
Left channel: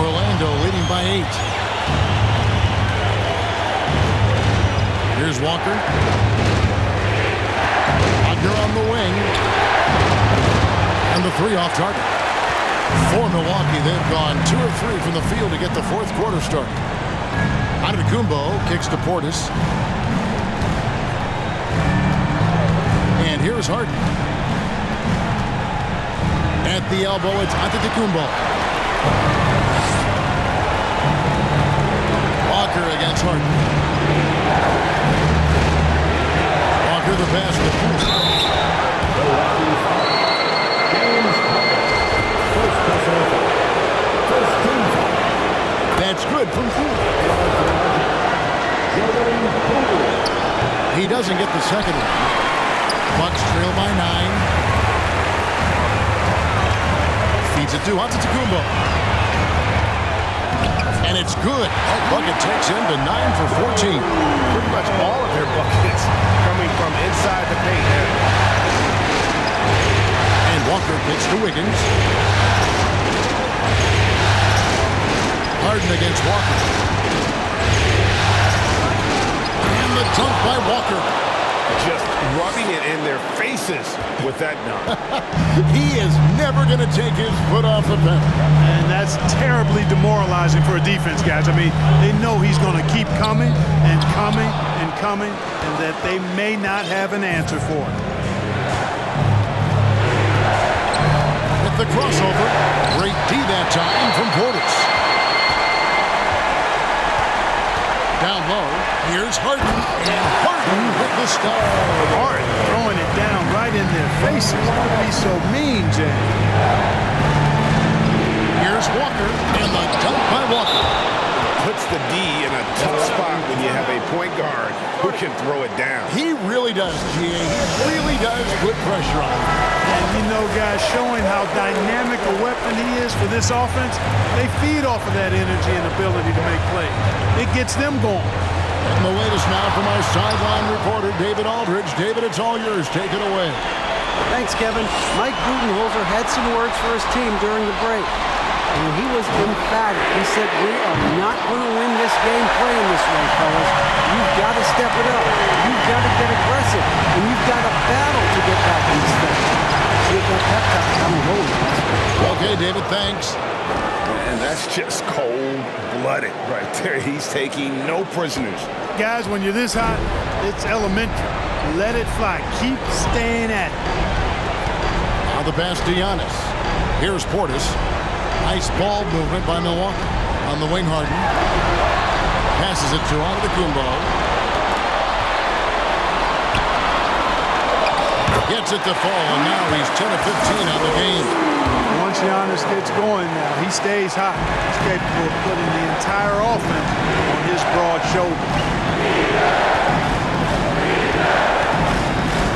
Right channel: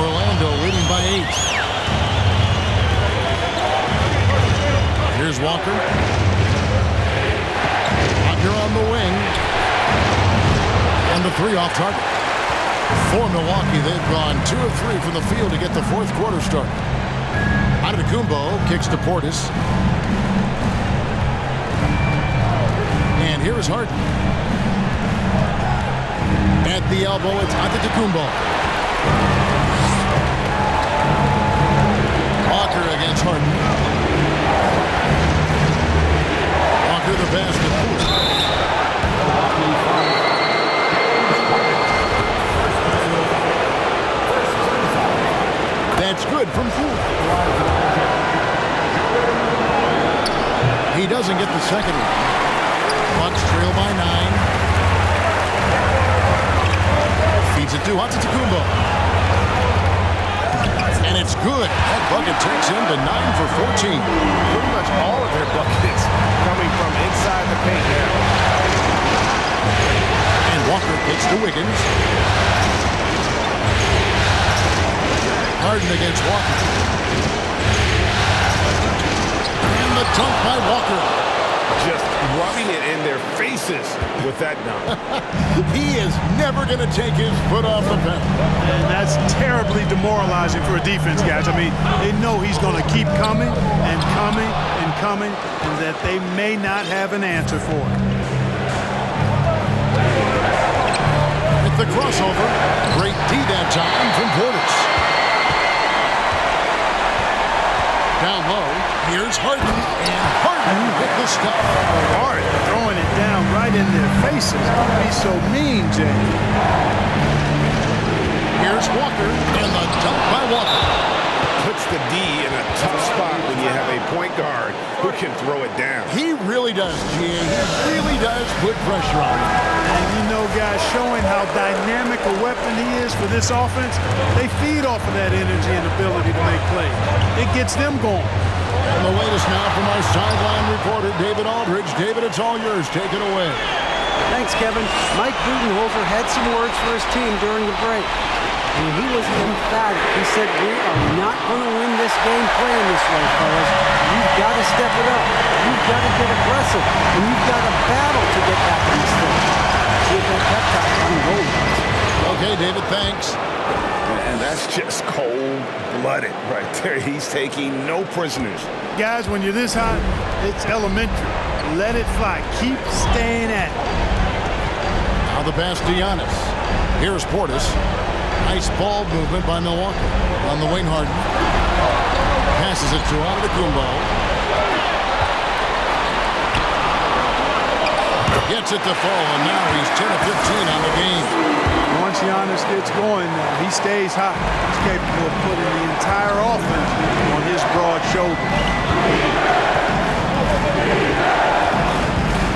Orlando leading by 8. Here's Walker. Wagner on the wing. And the 3 off target. For Milwaukee, they've gone 2 of 3 from the field to get the fourth quarter started. Antetokounmpo kicks to Portis. And here's Harden. At the elbow, it's Antetokounmpo. Walker against Harden. Walker the pass to Poole. That's good from Poole. He doesn't get the second one. Bucks trail by 9. Feeds it to Antetokounmpo. And it's good. That bucket takes him to 9 for 14. Pretty much all of their buckets coming from inside the paint now. And Walker gets to Wiggins. Harden against Walker. And the dunk by Walker. just rubbing it in their faces with that dunk. He is never going to take his foot off the pedal. And that's terribly demoralizing for a defense, guys. I mean, they know he's going to keep coming and coming and coming, and that they may not have an answer for it. With the crossover, great D that time from Portis. Down low, here's Harden, and Harden with the stuff. Harden throwing it down right in their faces. Don't be so mean, James. Here's Walker, and the dunk by Walker. Puts the D in a tough spot when you have a point guard who can throw it down. He really does, GA. He really does put pressure on him. And you know, guys, showing how dynamic a weapon he is for this offense, they feed off of that energy and ability to make plays. It gets them going. And the latest now from our sideline reporter, David Aldridge. David, it's all yours. Take it away. Thanks, Kevin. Mike Budenholzer had some words for his team during the break. And he was emphatic. He said, we are not going to win this game playing this way, fellas. You've got to step it up. You've got to get aggressive. And you've got to battle to get back in this thing. See if that pep talk got him going, guys. Okay, David, thanks. And that's just cold-blooded right there. He's taking no prisoners. Guys, when you're this hot, it's elementary. Let it fly. Keep staying at it. Now the pass to Giannis. Here's Portis. Nice ball movement by Milwaukee. On the wing, Harden. Passes it to Antetokounmpo. Gets it to fall, and now he's 10 of 15 on the game. Once Giannis gets going now, he stays hot. He's capable of putting the entire offense on his broad shoulders.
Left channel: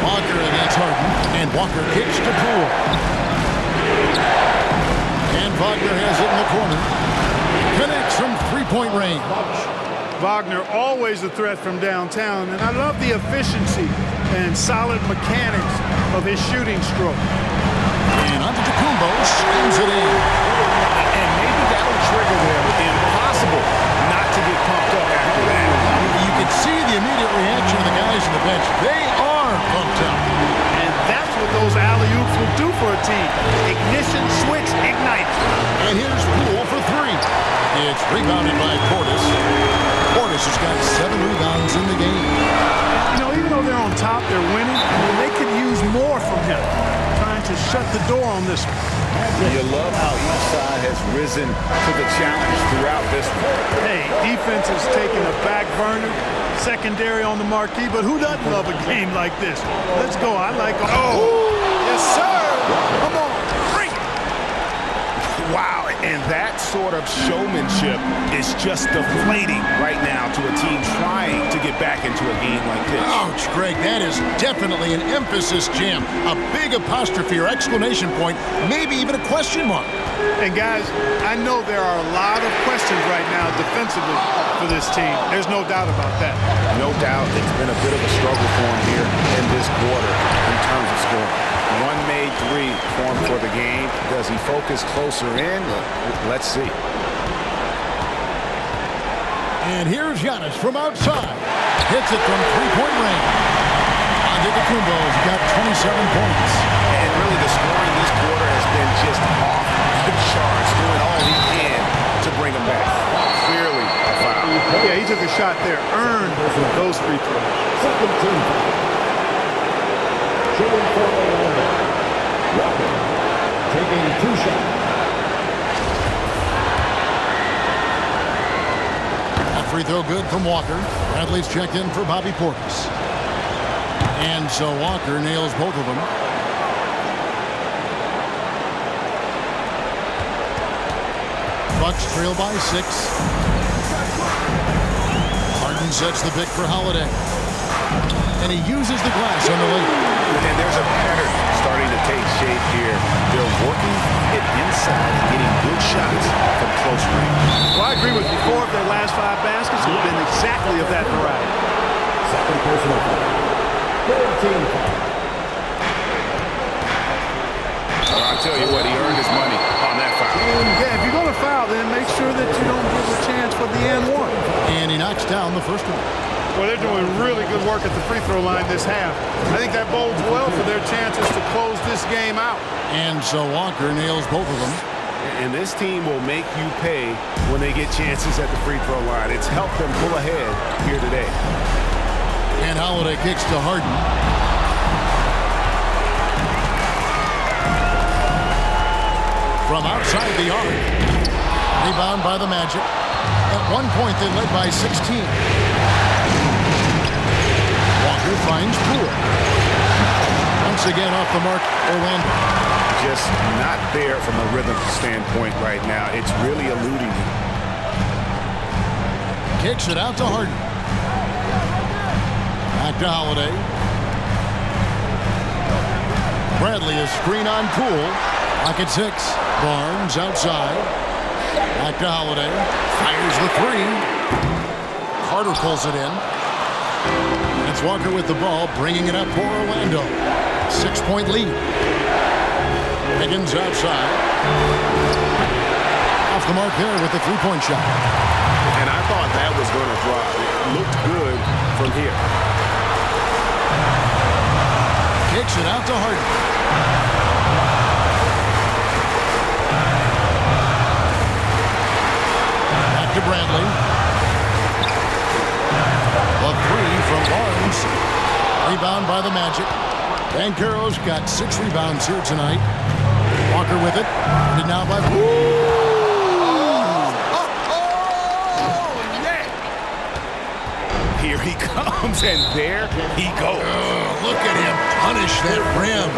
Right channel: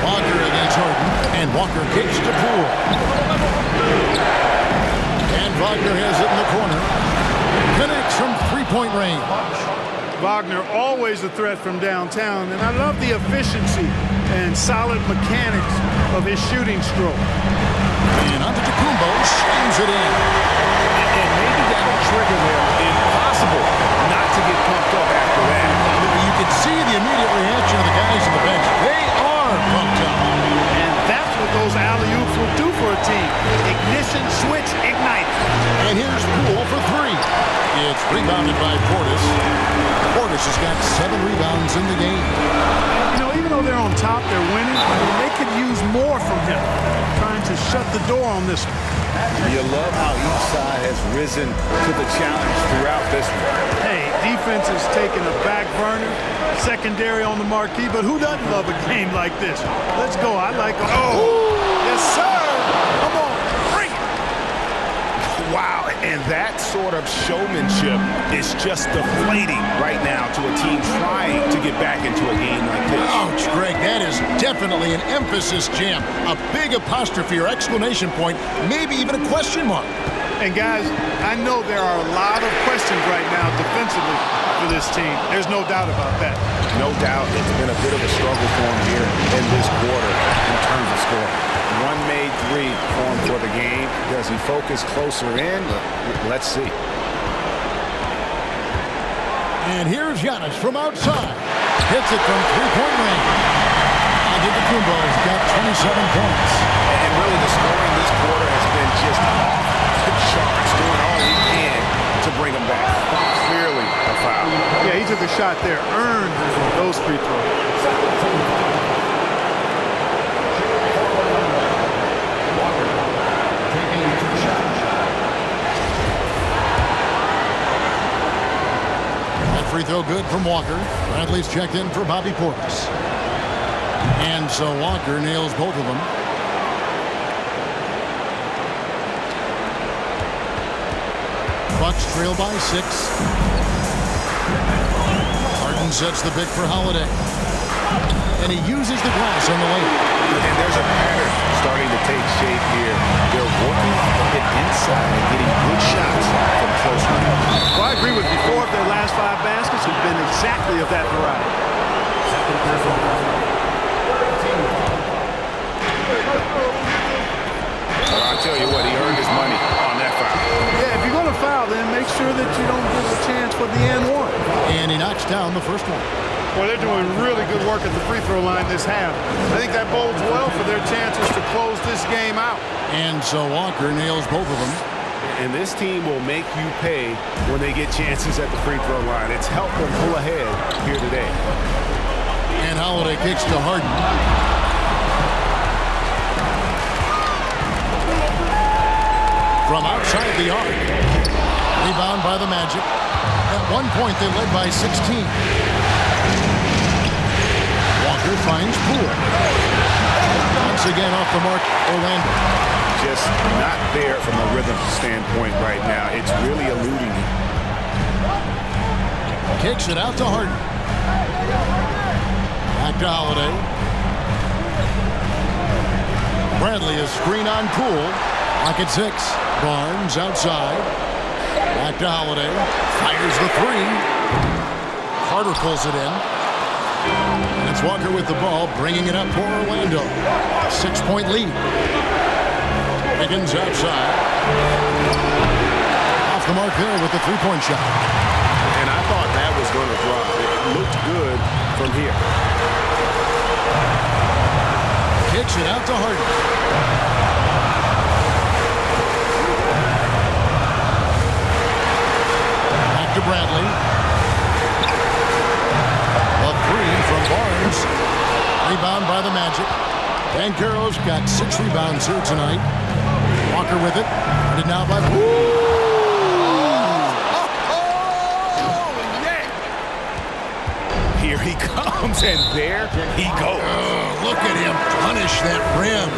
Walker against Harden, and Walker kicks to Poole. And Wagner has it in the corner. Connects from three-point range. Wagner always a threat from downtown, and I love the efficiency and solid mechanics of his shooting stroke. And Antetokounmpo swings it in. And maybe that'll trigger them. Impossible not to get pumped up after that. You can see the immediate reaction of the guys on the bench. They are pumped up. And that's what those alley-oops will do for a team. Ignition, switch, ignite. And here's Poole for three. It's rebounded by Portis. Portis has got 7 rebounds in the game. And, you know, even though they're on top, they're winning. I mean, they could use more from him. Trying to shut the door on this one. You love how each side has risen to the challenge throughout this one. Hey, defense is taking a back burner, secondary on the marquee, but who doesn't love a game like this? Let's go. I like it. Oh, yes, sir. Come on, bring it. Wow, and that sort of showmanship is just deflating right now to a team trying to get back into a game like this. Ouch, Greg, that is definitely an emphasis jam. A big apostrophe or exclamation point, maybe even a question mark. And guys, I know there are a lot of questions right now defensively for this team. There's no doubt about that. No doubt it's been a bit of a struggle for him here in this quarter in terms of scoring. One made three for him for the game. Does he focus closer in? Let's see. And here's Giannis from outside. Hits it from three-point range. Antetokounmpo's got 27 points. And really the scoring this quarter has been just off the charts, doing all he can to bring him back. Clearly a foul. Yeah, he took a shot there, earned those free throws. Taking 2 shots. That free throw good from Walker. Bradley's checked in for Bobby Portis. And so Walker nails both of them. Bucks trail by 6. Harden sets the pick for Holiday. And he uses the glass on the lane. And there's a pattern starting to take shape here. They're working it inside and getting good shots from close range. Well, I agree with you. 4 of their last 5 baskets have been exactly of that variety. Second personal foul. 13 foul. Well, I'll tell you what, he earned his money on that foul. Yeah, if you're going to foul, then make sure that you don't give a chance for the and one. And he knocks down the first one. Well, they're doing really good work at the free throw line this half. I think that bodes well for their chances to close this game out. And so Walker nails both of them. And this team will make you pay when they get chances at the free throw line. It's helped them pull ahead here today. And Holiday kicks to Harden. From outside the arc. Rebound by the Magic. At one point, they led by 16. Walker finds Poole. Once again off the mark, Orlando. Just not there from a rhythm standpoint right now. It's really eluding him. Kicks it out to Harden. Back to Holiday. Bradley a screen on Poole. Lock at 6. Barnes outside. Back to Holiday. Fires the 3. Carter pulls it in. And it's Walker with the ball, bringing it up for Orlando. 6-point lead. Higgins outside. Off the mark there with the three-point shot. And I thought that was going to drop. It looked good from here. Kicks it out to Harden. Back to Bradley. The 3 from Barnes. Rebound by the Magic. Banchero's got 6 rebounds here tonight. Walker with it. And now by Yeah! Here he comes, and there he goes. Look at him punish that rim.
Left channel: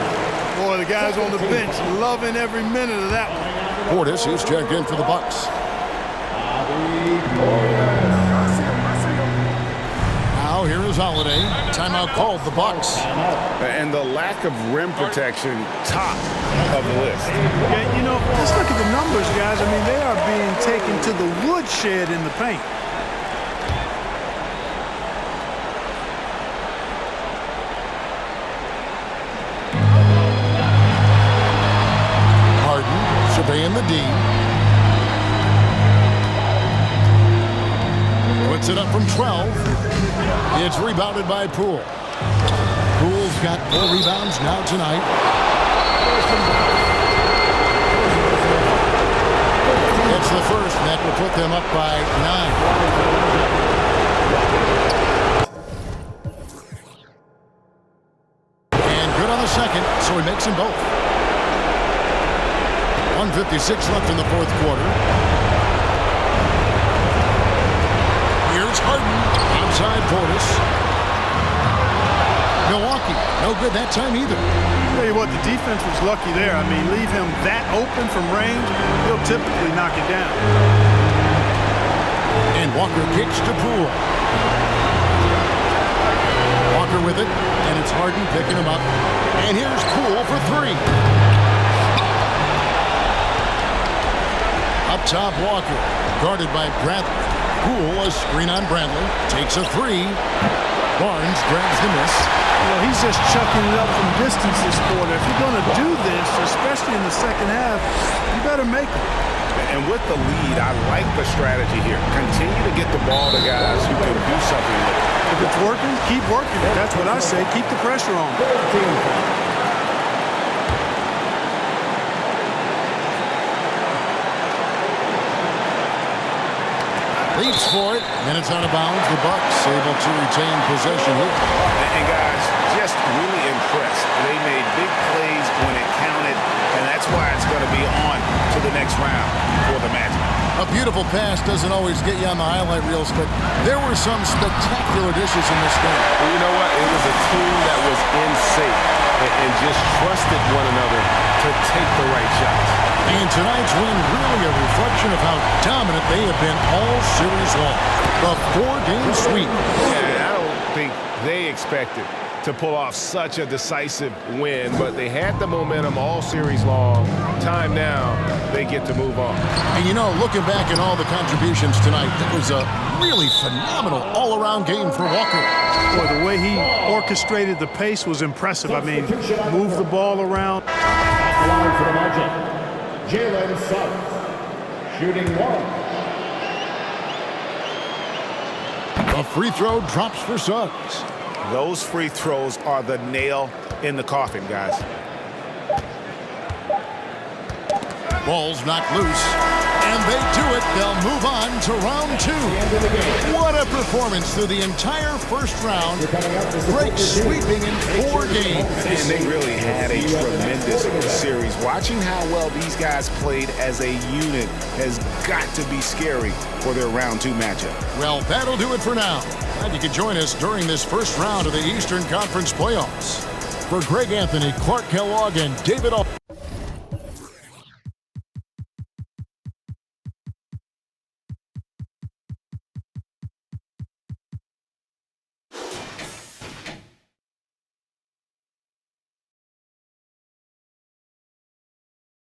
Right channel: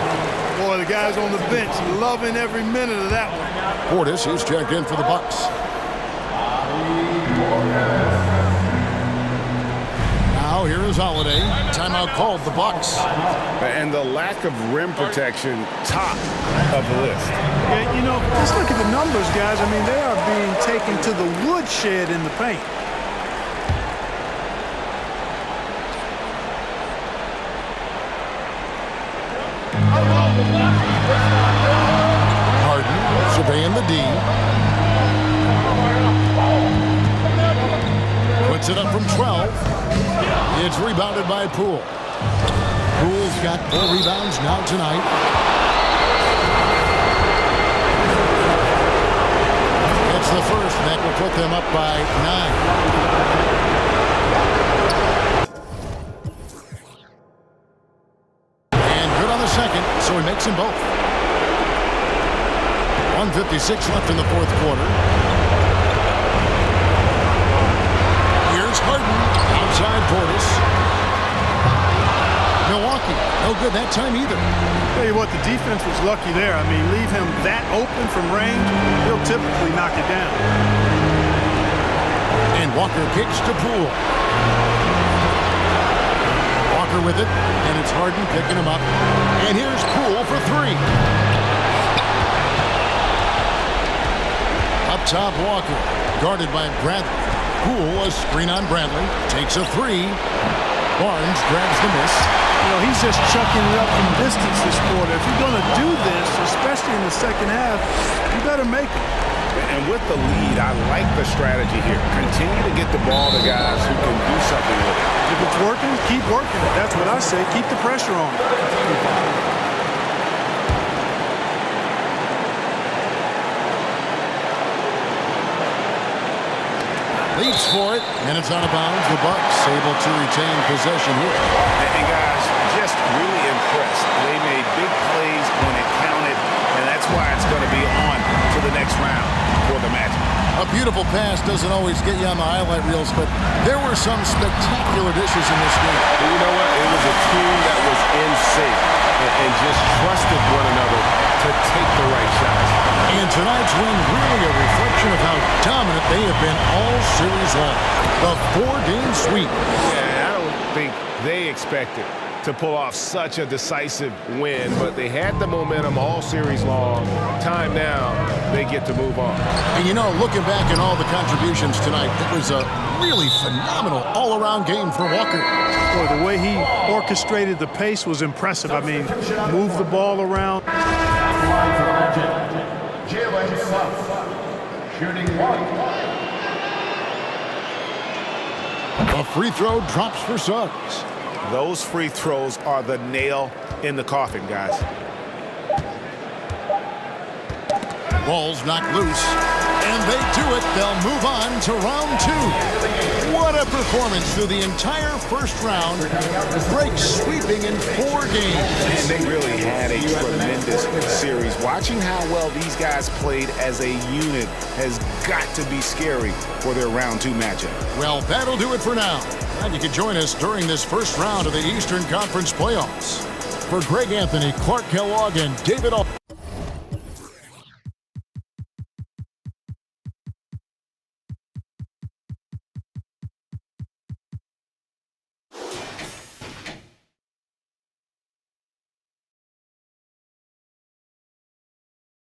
Boy, the guys on the bench loving every minute of that one. Portis, he's checked in for the Bucks. Now here is Holiday. Timeout called, the Bucks. And the lack of rim protection, top of the list. Yeah, you know, just look at the numbers, guys. I mean, they are being taken to the woodshed in the paint. Harden surveying the D. Puts it up from 12. It's rebounded by Poole. Poole's got 4 rebounds now tonight. It's the first that will put them up by 9. And good on the second, so he makes them both. 1:56 left in the fourth quarter. Here's Harden, outside Portis. Milwaukee, no good that time either. Tell you what, the defense was lucky there. I mean, leave him that open from range, he'll typically knock it down. And Walker kicks to Poole. Walker with it, and it's Harden picking him up. And here's Poole for 3. Up top, Walker, guarded by Bradley. Poole, a screen on Bradley, takes a 3. Barnes grabs the miss. You know, he's just chucking it up from distance this quarter. If you're going to do this, especially in the second half, you better make them. And with the lead, I like the strategy here. Continue to get the ball to guys who can do something with it. If it's working, keep working it. That's what I say. Keep the pressure on. Leaps for it, and it's out of bounds. The Bucks able to retain possession here. And guys, just really impressed. They made big plays when it counted, and that's why it's going to be on to the next round for the Magic. A beautiful pass doesn't always get you on the highlight reels, but there were some spectacular dishes in this game. You know what? It was a team that was in sync and just trusted one another to take the right shots. And tonight's win really a reflection of how dominant they have been all series long. The 4-game sweep. Yeah, I don't think they expected to pull off such a decisive win, but they had the momentum all series long. Time now, they get to move on. And you know, looking back at all the contributions tonight, it was a really phenomenal all-around game for Walker. Boy, the way he orchestrated the pace was impressive. I mean, move the ball around. Line for the Magic, Jalen Suggs, shooting 1. A free throw drops for Suggs. Those free throws are the nail in the coffin, guys. Ball's knocked loose, and they do it. They'll move on to round 2. What a performance through the entire first round. Breaks sweeping in 4 games. And they really had a tremendous series. Watching how well these guys played as a unit has got to be scary for their round 2 matchup. Well, that'll do it for now. Glad you could join us during this first round of the Eastern Conference playoffs. For Greg Anthony, Clark Kellogg, and David Al